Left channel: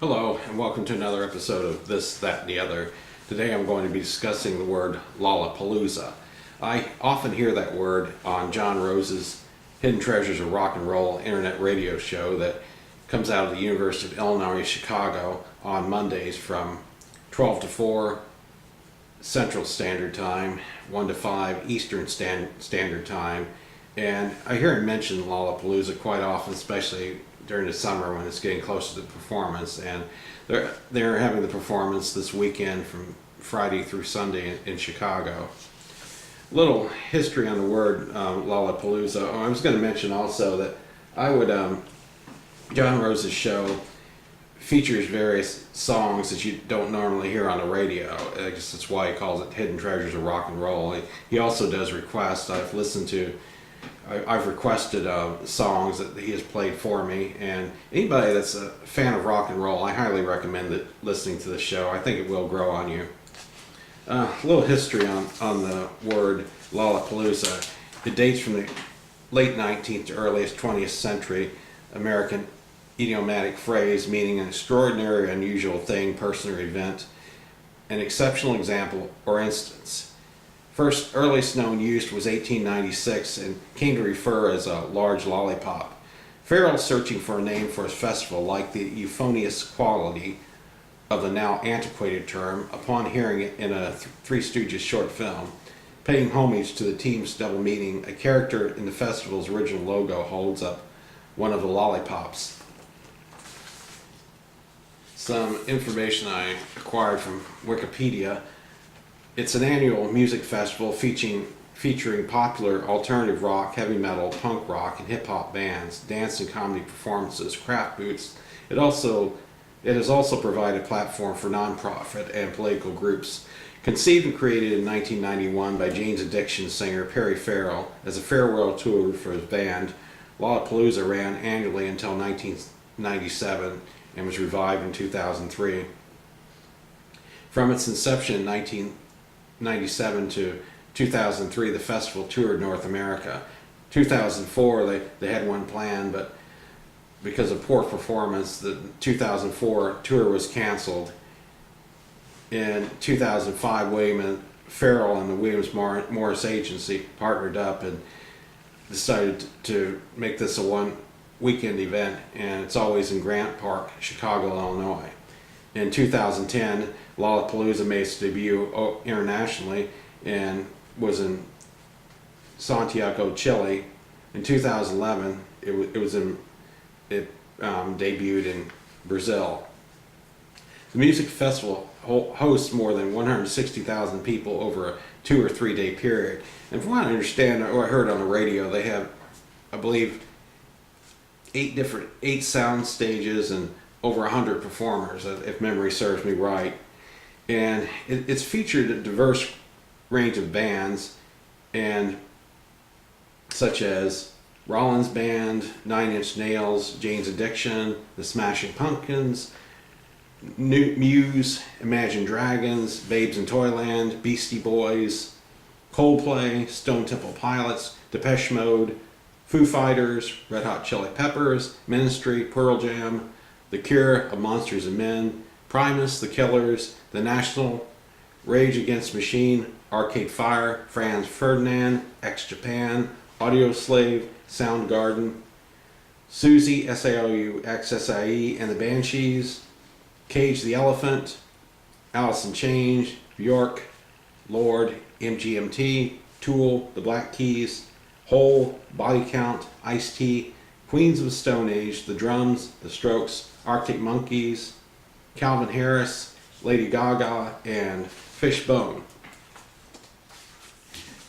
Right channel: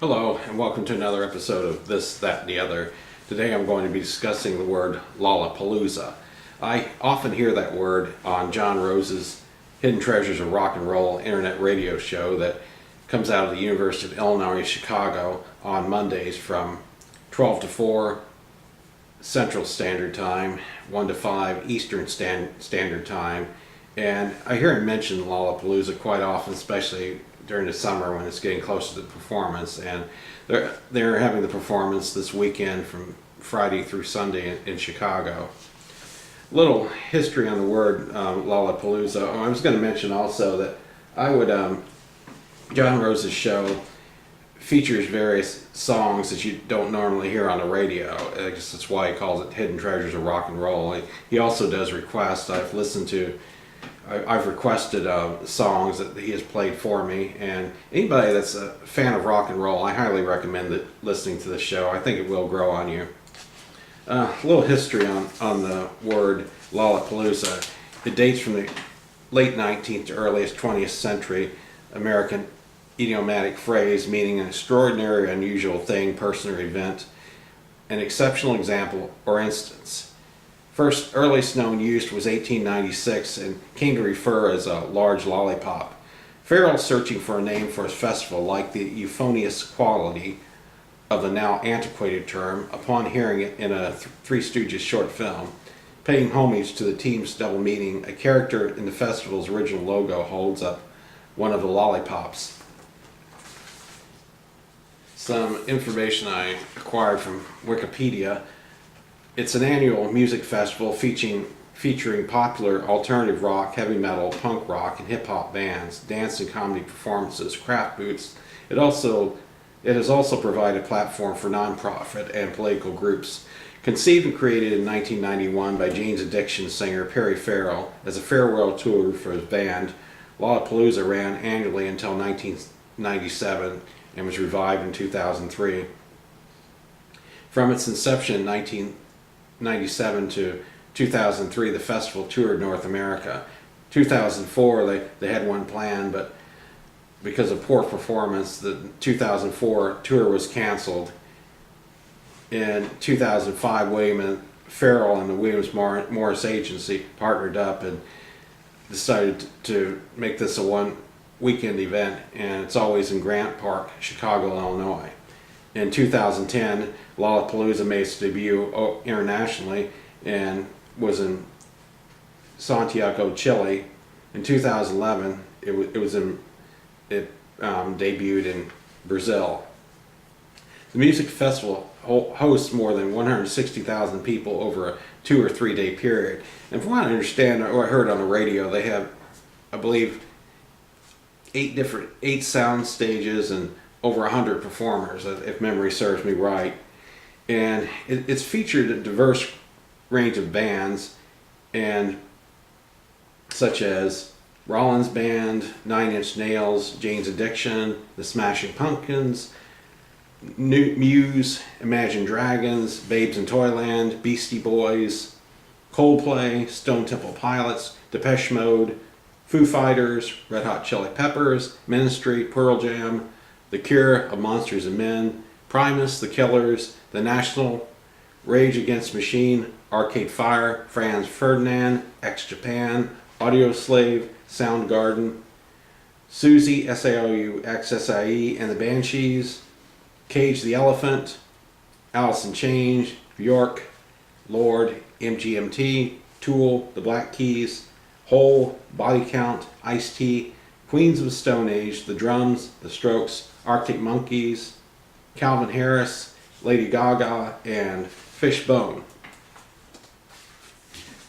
Hello, and welcome to another episode of This, That, and the Other. Today I'm going to be discussing the word Lollapallooza. I often hear that word on John Rose's Hidden Treasures of Rock and Roll internet radio show that comes out of the University of Illinois Chicago on Mondays from 12 to 4 Central Standard Time, 1 to 5 Eastern Standard Time. And I hear him mention Lollapalooza quite often, especially during the summer when it's getting closer to the performance. And they're having the performance this weekend from Friday through Sunday in Chicago. Little history on the word Lollapalooza. Oh, I was going to mention also that John Rose's show features various songs that you don't normally hear on the radio. I guess that's why he calls it Hidden Treasures of Rock and Roll. He also does requests. I've requested songs that he has played for me, and anybody that's a fan of rock and roll, I highly recommend listening to the show. I think it will grow on you. A little history on the word Lollapalooza. It dates from the late 19th to earliest 20th century American idiomatic phrase meaning an extraordinary, unusual thing, person, or event, an exceptional example or instance. First earliest known use was 1896 and came to refer as a large lollipop. Farrell, searching for a name for his festival, liked the euphonious quality of the now antiquated term upon hearing it in a Three Stooges short film. Paying homage to the team's double meaning, a character in the festival's original logo holds up one of the lollipops. Some information I acquired from Wikipedia. It's an annual music festival featuring popular alternative rock, heavy metal, punk rock, and hip-hop bands, dance and comedy performances, craft booths. It has also provided a platform for non-profit and political groups. Conceived and created in 1991 by Jane's Addiction singer Perry Farrell as a farewell tour for his band, Lollapalooza ran annually until 1997 and was revived in 2003. From its inception in 1997 to 2003, the festival toured North America. 2004, they had one planned, but because of poor performance, the 2004 tour was canceled. In 2005, William Farrell and the Williams Morris Agency partnered up and decided to make this a one-weekend event, and it's always in Grant Park, Chicago, Illinois. In 2010, Lollapalooza made its debut internationally and was in Santiago, Chile. In 2011, it debuted in Brazil. The music festival hosts more than 160,000 people over a 2 or 3 day period. And from what I understand, or I heard on the radio, they have, I believe, 8 sound stages and over 100 performers, if memory serves me right. And it's featured a diverse range of bands, and such as Rollins Band, 9 Inch Nails, Jane's Addiction, The Smashing Pumpkins, Muse, Imagine Dragons, Babes in Toyland, Beastie Boys, Coldplay, Stone Temple Pilots, Depeche Mode, Foo Fighters, Red Hot Chili Peppers, Ministry, Pearl Jam, The Cure, of Monsters and Men, Primus, The Killers, The National, Rage Against the Machine, Arcade Fire, Franz Ferdinand, X-Japan, Audioslave, Soundgarden, Susie, SAOUXSIE, and the Banshees, Cage the Elephant, Alice in Chains, Bjork, Lord, MGMT, Tool, The Black Keys, Hole, Body Count, Ice-T, Queens of the Stone Age, The Drums, The Strokes, Arctic Monkeys, Calvin Harris, Lady Gaga, and Fishbone.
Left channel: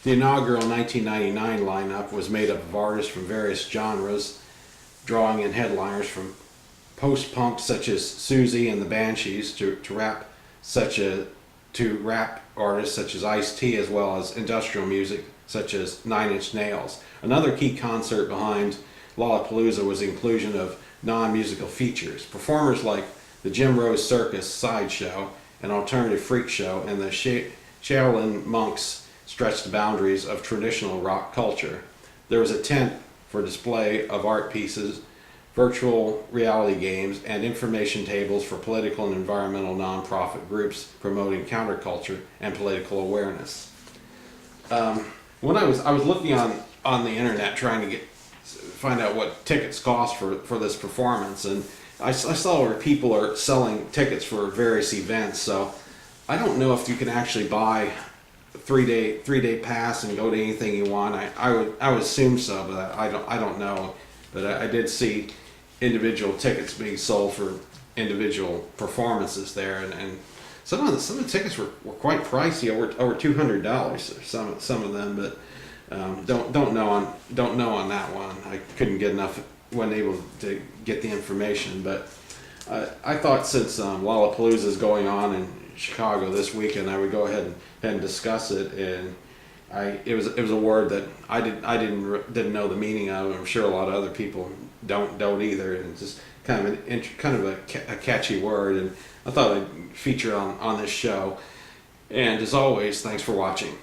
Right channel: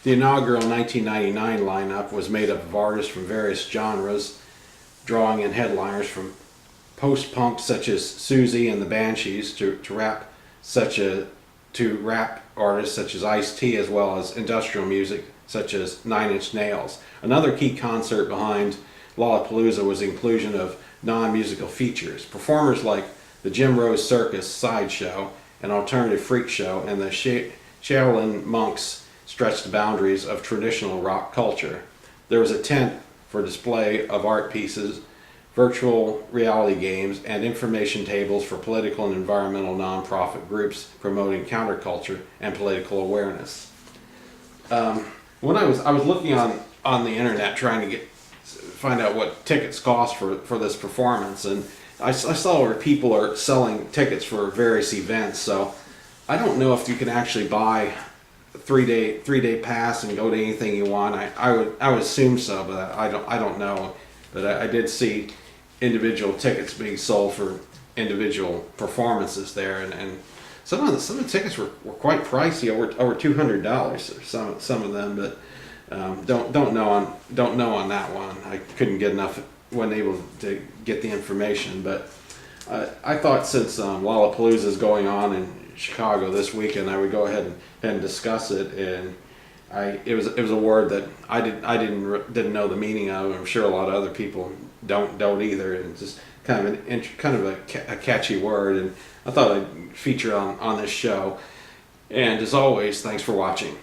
The inaugural 1999 lineup was made up of artists from various genres, drawing in headliners from post-punk such as Susie and the Banshees to rap artists such as Ice-T, as well as industrial music such as 9 Inch Nails. Another key concert behind Lollapalooza was the inclusion of non-musical features. Performers like the Jim Rose Circus Sideshow, an alternative freak show, and the Shaolin Monks stretched the boundaries of traditional rock culture. There was a tent for display of art pieces virtual reality games, and information tables for political and environmental nonprofit groups promoting counterculture and political awareness. When I was looking on the internet trying to find out what tickets cost for this performance, and I saw where people are selling tickets for various events. So I don't know if you can actually buy a three day pass and go to anything you want. I would assume so, but I don't know. But I did see individual tickets being sold for individual performances there, and some of the tickets were quite pricey, over $200. Some of them, but don't know on that one. I couldn't get enough, wasn't able to get the information. But I thought since Lollapalooza is going on in Chicago this weekend, I would go ahead and discuss it. And it was a word that I didn't know the meaning of. I'm sure a lot of other people don't either. And it's just kind of a catchy word, and I thought I'd feature on this show. And as always, thanks for watching.